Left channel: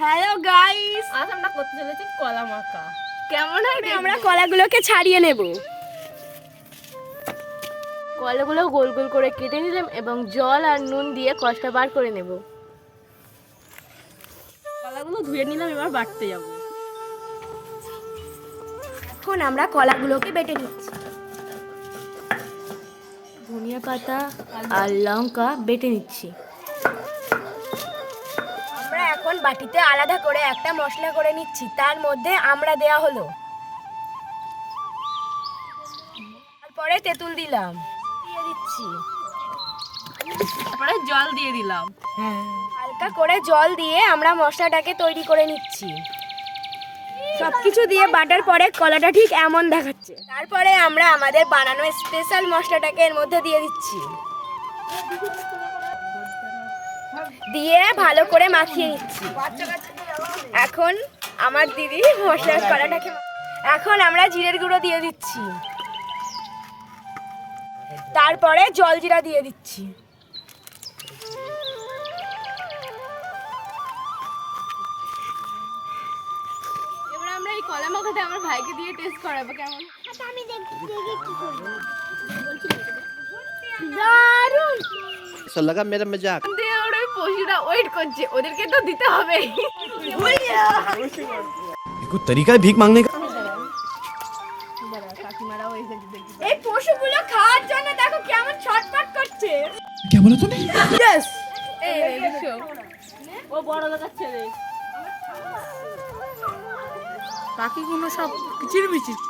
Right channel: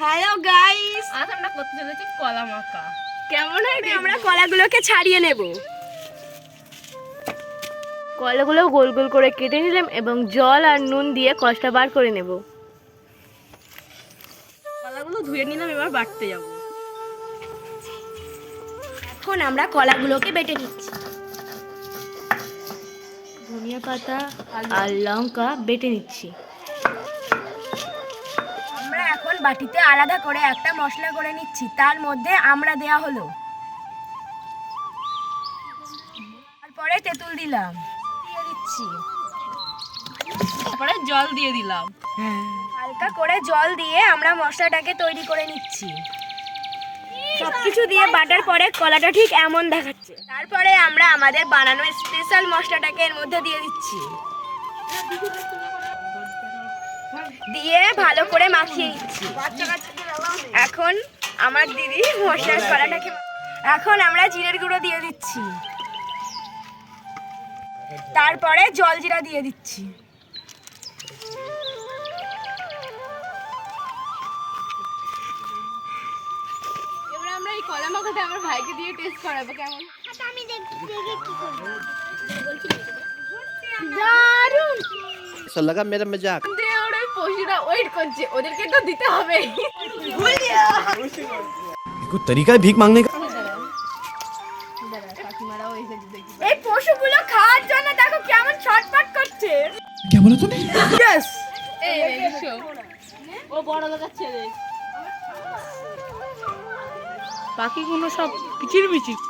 Hello guys, আজ আমরা করতে চলেছি কলা মাখা। কেমন হয় আমরা কলাগুলোকে ছাড়িয়ে নেব। কলাগুলো গোল গোল করে কেটে নিলাম এবং জল আর নুন দিয়ে কষটা বার করে নেব। কলাগুলো ধুয়ে নিলাম, এবার বাটতে যাব। এখন আমরা কলাগুলোকে বেটে নিচ্ছি। ধনিয়া পাতা আর লঙ্কা বেটে নিচ্ছি। আমরা এখন বাটিতে আলাদা করে একটা মশলা করে নিচ্ছি, তার মধ্যে আমরা দেয়া হলো। তারপরে তেঁতুল দিলাম, দিয়ে দিচ্ছি। তারপরে জল দিয়ে দিলাম। হালকা করে জল দিয়ে আমরা মশলাটাকে তৈরি করে নিচ্ছি। সবকিছু দিয়ে বাটার পরে কলাটা ঠিক এমন দেখাচ্ছে। তারপরে আমরা আমাদের বানানো স্পেশাল মশলাটাকে এর মধ্যে দিয়ে দিচ্ছি, দিয়ে ভালো করে মাখিয়ে নিচ্ছি। এখন আমার দিদি মশলার কলাটাকে, এখন আমরা জিরের গুঁড়ো দিয়ে দিচ্ছি, তারপরে জলজিরা দিয়ে দিচ্ছি। এবার আমরা এই কলা মাখাটা আমার ভাইকে দিয়ে টেস্ট করাবো কেমন। আমি দেখি কি করব। দারুণ! ऐसा लगा मेरा मजाक। দিয়ে ওরা ওই পশুরা ওয়েট করছে, ওদেরকে তো দিতে হবে। कोई तरीका है भीख मांगने का? কাকিমারাও এসেছে দেখি। এই পশুগুলো খাওয়ার জন্য দেখো কেমন ছটফট করছে। क्या बोला तूने? Yes! এই দেখো, ও বড় লোকের ছেলে। পাখিগুলো সব কিচিরমিচির।